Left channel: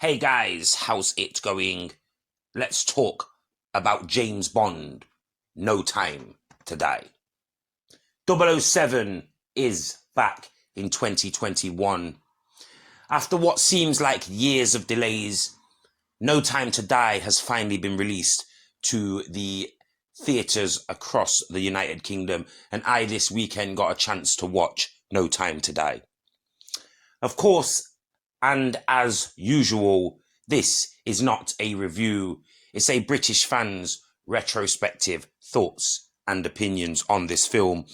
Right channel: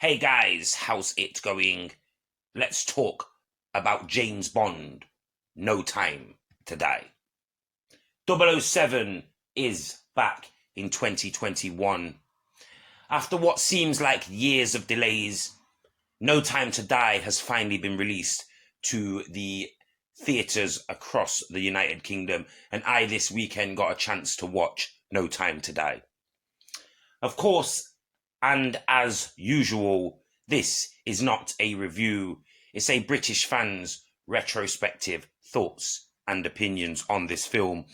Hey guys, how's it going? Let's talk about James Bond. No Time to Die. 007 is back in 2021. After what seems like years of delays, No Time to Die has finally been released to the theatres across the United Kingdom, and I this weekend got a chance to watch No Time to Die. Of course, and as usual, this is not a review, it's a British fans' retrospective thoughts and opinions on this film.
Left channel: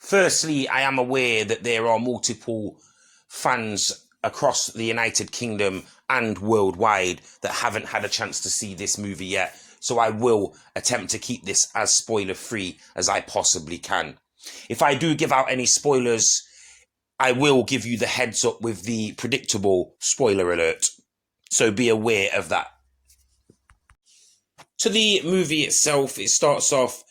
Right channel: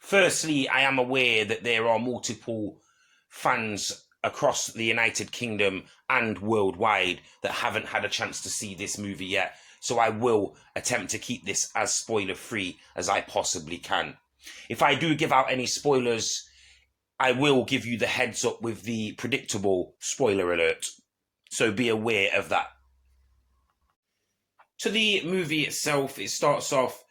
Firstly, I am aware that there are multiple fans across the United Kingdom and worldwide that haven't had a chance to see this movie yet, so I will attempt to keep this as spoiler free as I possibly can. If I do give out any spoilers, I will give you the heads up with the predictable spoiler alert, so be aware of that. To the movie itself, it starts off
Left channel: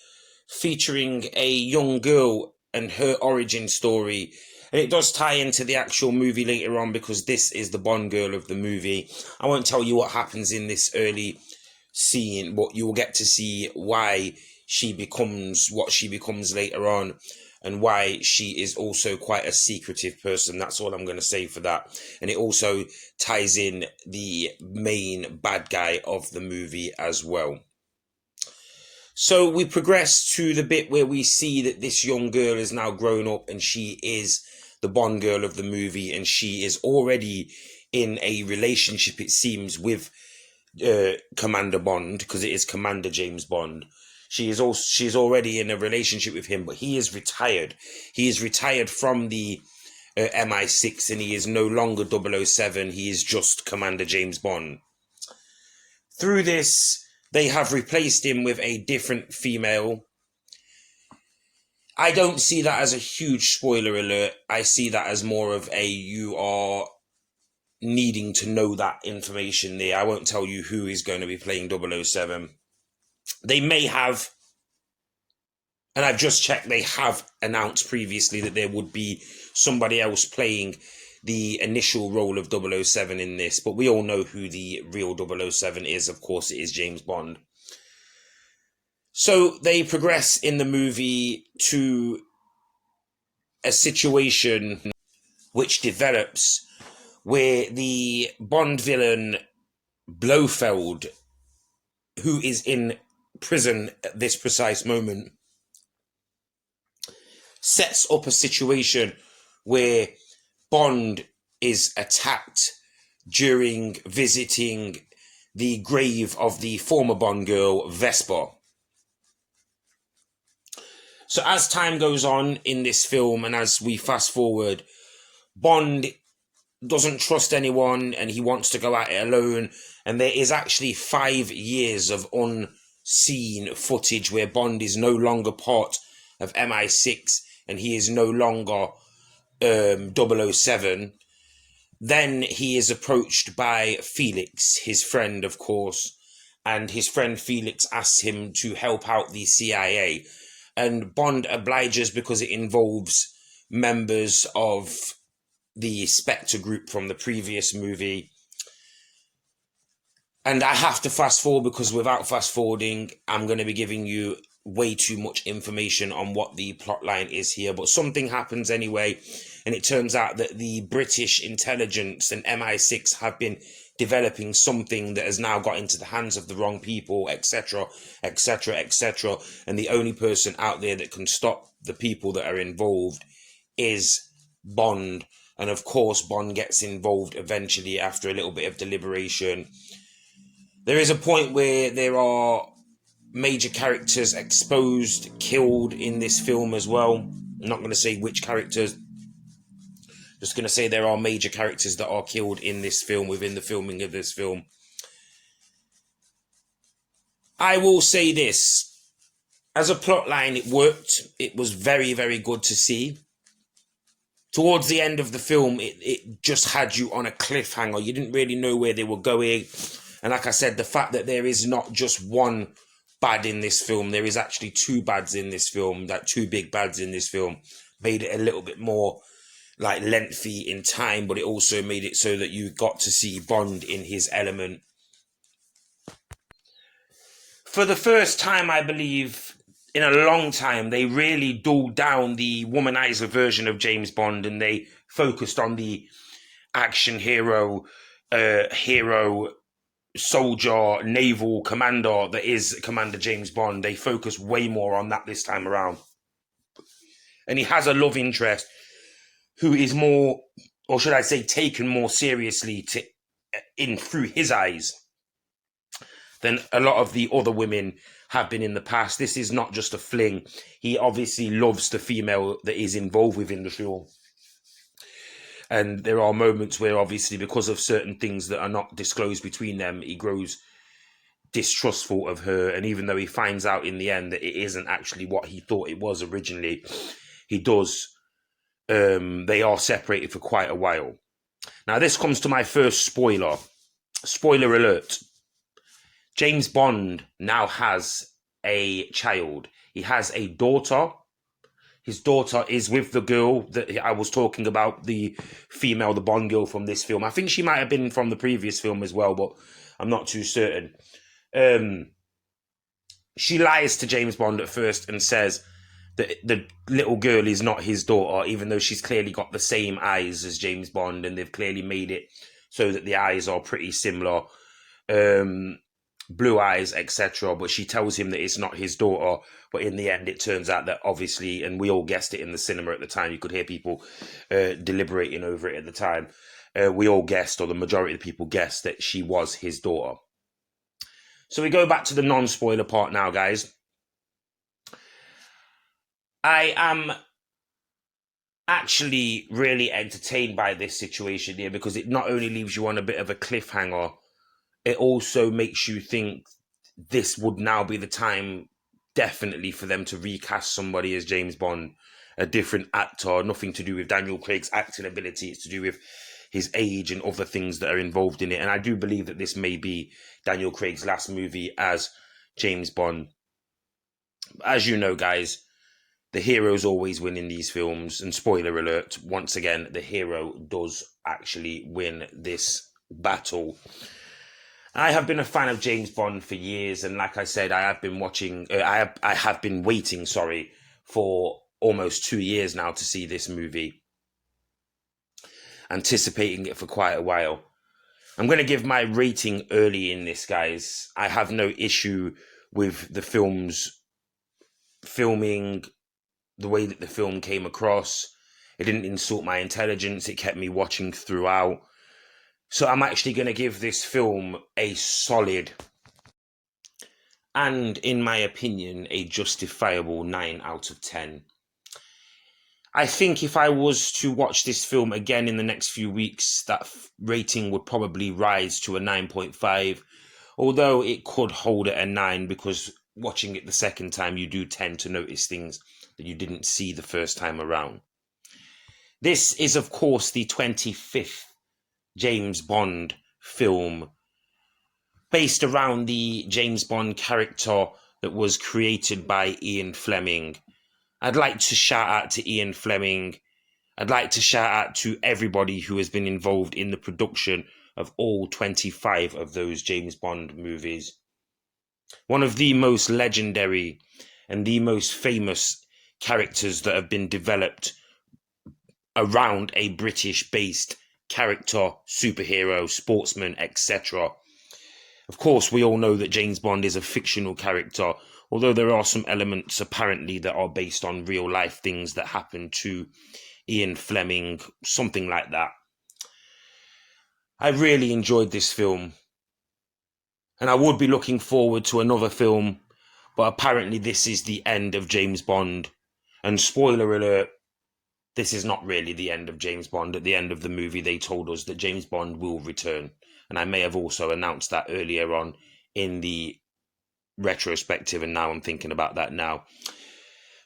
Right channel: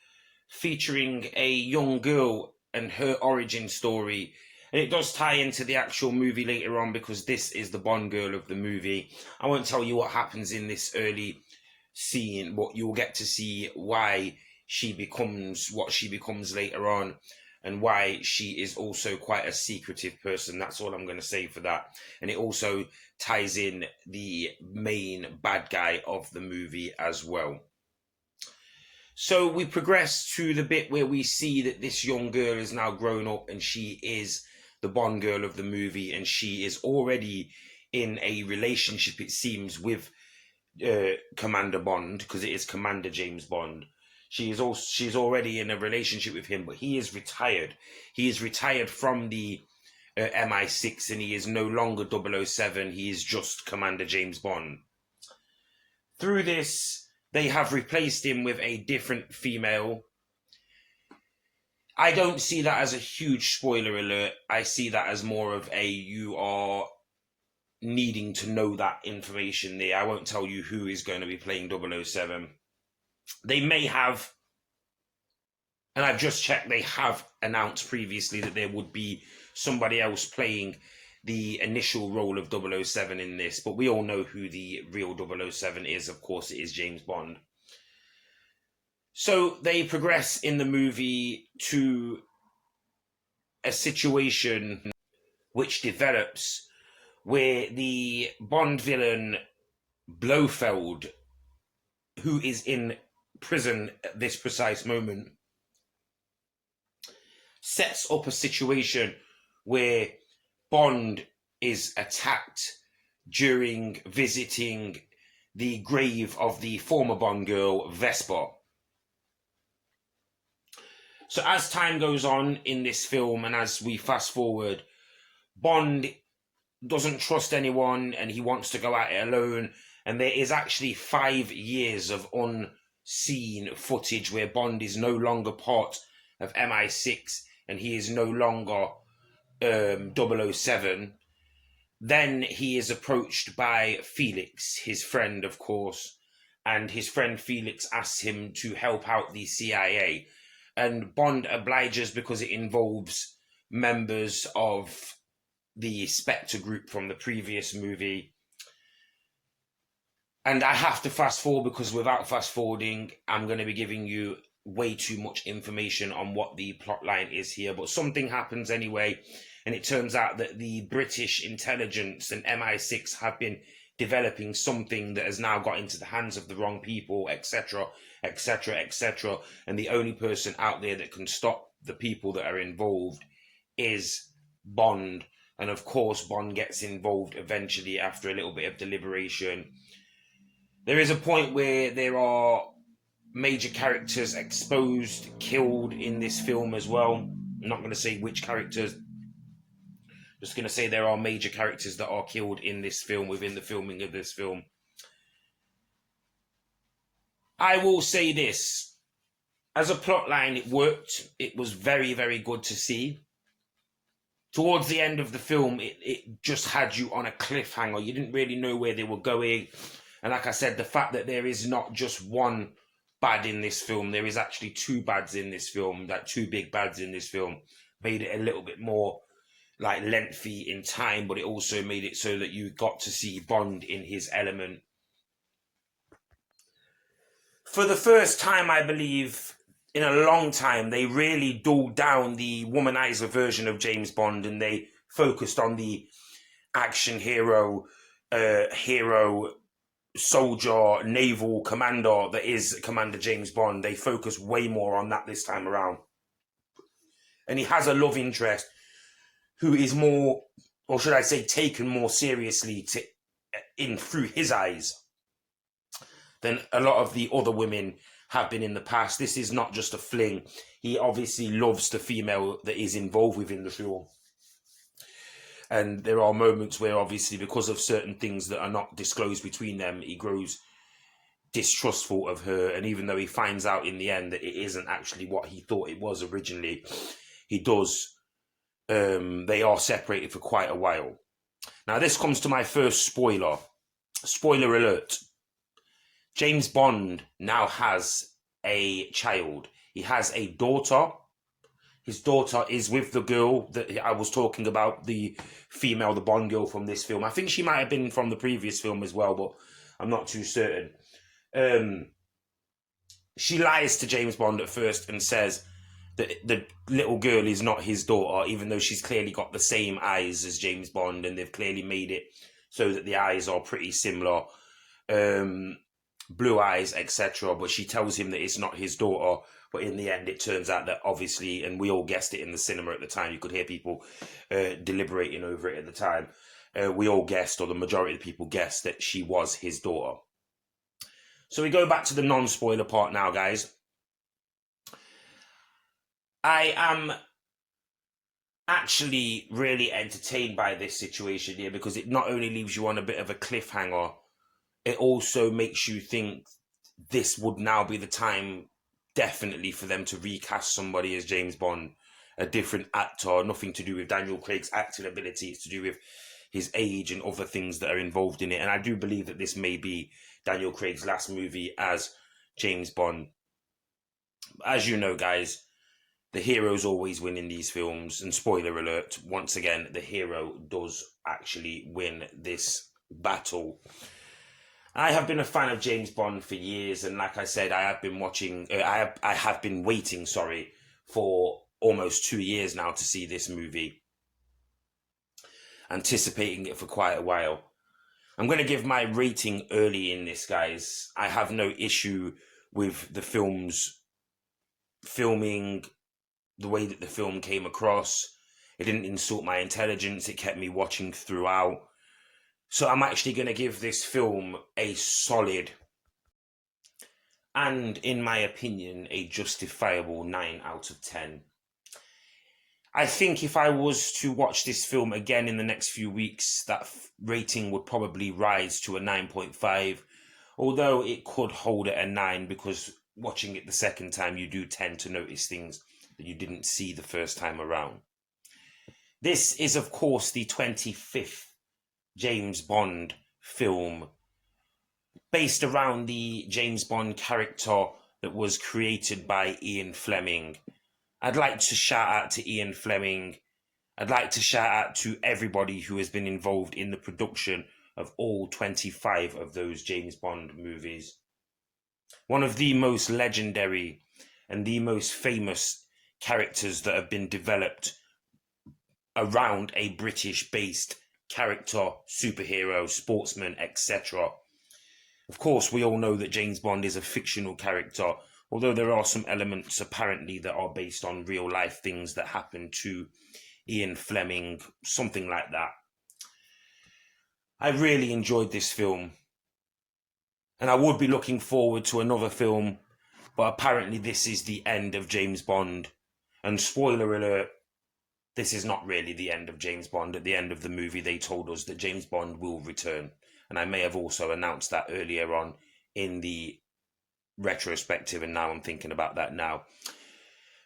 featuring a young girl and her origin story, and it does tie into the actual movie later on because this is the Bond girl of the movie. I won't tell you what happens in this early scene, but you'll get to see why she becomes what she becomes later on, and why she is also quite a secretive person. That's all I'm going to say for that. And it also ties in the main bad guy of the movie as well. So we progress to the bit where we see that this young girl is now grown up and she is the Bond girl of the movie, and she is already in a relationship, it seems, with Commander Bond, because it is Commander James Bond. She's already in a relationship with him, but he is retired. He is retired from the MI6, and he is no longer 007. He is just Commander James Bond. Through this, they have replaced him with a different female. I don't see that as a huge spoiler alert. I see that as more of a you are needing to know that information there. I won't tell you who is going to be playing 007. They may have, and I've just checked, they have announced previously that there would be somebody else playing the initial role of 007 in this, but we all know who the real 007 is. Of course, it is James Bond. So they progress in the movie to a situation which develops where the Bond villain Blofeld, who is in prison at this precise moment, sets up a situation where Bond is attacked during visiting the grave of the former Bond girl, Vesper. So as time goes on in this film, and as we fast forward, Bond doesn't trust anyone and he wants to go at it alone. And there is actually 5 years of unseen footage where Bond is no longer part of MI6 and he is no longer 007. Then he is approached by Felix, his friend, of course, and his friend Felix asks him to help out the CIA. And Bond obliges because it involves members of the Spectre group from the previous movie. And I have to fast forward because without fast forwarding, I'm going to be giving you way too much information on what the plot line is here. But something happens anyway, and it turns out that the British intelligence and MI6 have been developing something that has now got into the hands of the wrong people, etc., etc., etc. And the only person out there that can stop the people that are involved is Bond. And of course, Bond gets involved eventually after a little bit of deliberation. There is a point where there are major characters exposed, killed in this film as well. I'm not going to say which characters. Just going to say there are major characters that are killed in this film, within the filming of this film. I will say this. As a plot line, it worked. It was very, very good to see. Towards the end of the film, it just had you on a cliffhanger. You didn't really know where they were going. And like I said, the fact that there is not just one bad in this film, there is actually 2 bads in this film, like 2 big bads in this film, made it a little bit more like lengthy in time, but it also made it so that you got to see Bond in his element. For the first time, I believe, in a long time, they really dulled down the womanizer version of James Bond, and they focused on the action hero, soldier, naval commander that is Commander James Bond. They focus way more on that this time around. And he has a love interest who is more, or should I say, taken more seriously through his eyes than a lot of the other women have been in the past. This is not just a fling. He obviously loves the female that is involved within the show. And there are moments where, obviously, because of certain things that are not disclosed between them, he grows distrustful of her. And even though he finds out in the end that it isn't actually what he thought it was originally, he does. They are separated for quite a while. Now, this comes to my first spoiler. Spoiler alert. James Bond now has a child. He has a daughter. His daughter is with the girl that I was talking about, the female, the Bond girl from this film. I think she might have been from the previous film as well, but I'm not too certain. She lies to James Bond at first and says that the little girl is not his daughter, even though she's clearly got the same eyes as James Bond, and they've clearly made it so that the eyes are pretty similar. Blue eyes, etc. But she tells him that it's not his daughter. But in the end, it turns out that obviously, and we all guessed it in the cinema at the time, you could hear people deliberating over it at the time. We all guessed, or the majority of the people guessed, that she was his daughter. So we go back to the non-spoiler part now, guys. I am actually really entertained by this situation here, because it not only leaves you on a bit of a cliffhanger, it also makes you think this would now be the time, definitely, for them to recast somebody as James Bond, a different actor, nothing to do with Daniel Craig's acting ability. It's to do with his age and other things that are involved in it. And I do believe that this may be Daniel Craig's last movie as James Bond. As you know, guys, the heroes always win in these films. And spoiler alert, once again, the hero does actually win this battle. I have been a fan of James Bond for years, and like I said, I have been waiting, for almost 2 years now to see this movie, anticipating it for quite a while. I'm going to give my rating early in this, guys. I have no issue with the film's filming, the way that the film came across. It didn't insult my intelligence. It kept me watching throughout. So I'm actually going to give this film a solid, and in my opinion, a justifiable 9 out of 10. I think if I was to watch this film again in the next few weeks, that rating would probably rise to a 9.5, although it could hold at a 9, because watching it the second time, you do tend to notice things that you didn't see the first time around. This is, of course, the 25th James Bond film, based around the James Bond character that was created by Ian Fleming. I'd like to shout out to Ian Fleming. I'd like to shout out to everybody who has been involved in the production of all 25 of those James Bond movies. One of the most legendary and the most famous characters that have been developed around a British-based character, superhero, sportsman, etc. Of course, we all know that James Bond is a fictional character, although there are some elements apparently that are based on real life things that happened to Ian Fleming, something like that. I really enjoyed this film, and I would be looking forward to another film, but apparently this is the end of James Bond. And spoiler alert, this is not really the end of James Bond. At the end of the movie, they told us that James Bond will return. And I may have also announced that earlier on in the retrospective, and now I'm thinking about that now.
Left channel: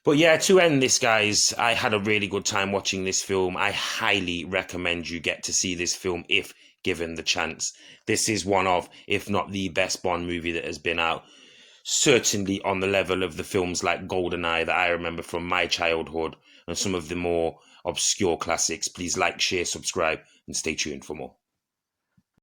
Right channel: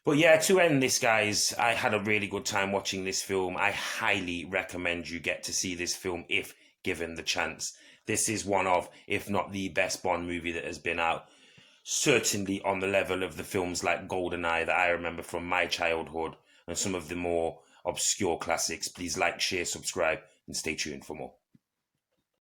But yeah, to end this, guys, I had a really good time watching this film. I highly recommend you get to see this film if given the chance. This is one of, if not the best Bond movie that has been out. Certainly on the level of the films like GoldenEye that I remember from my childhood, and some of the more obscure classics. Please like, share, subscribe, and stay tuned for more.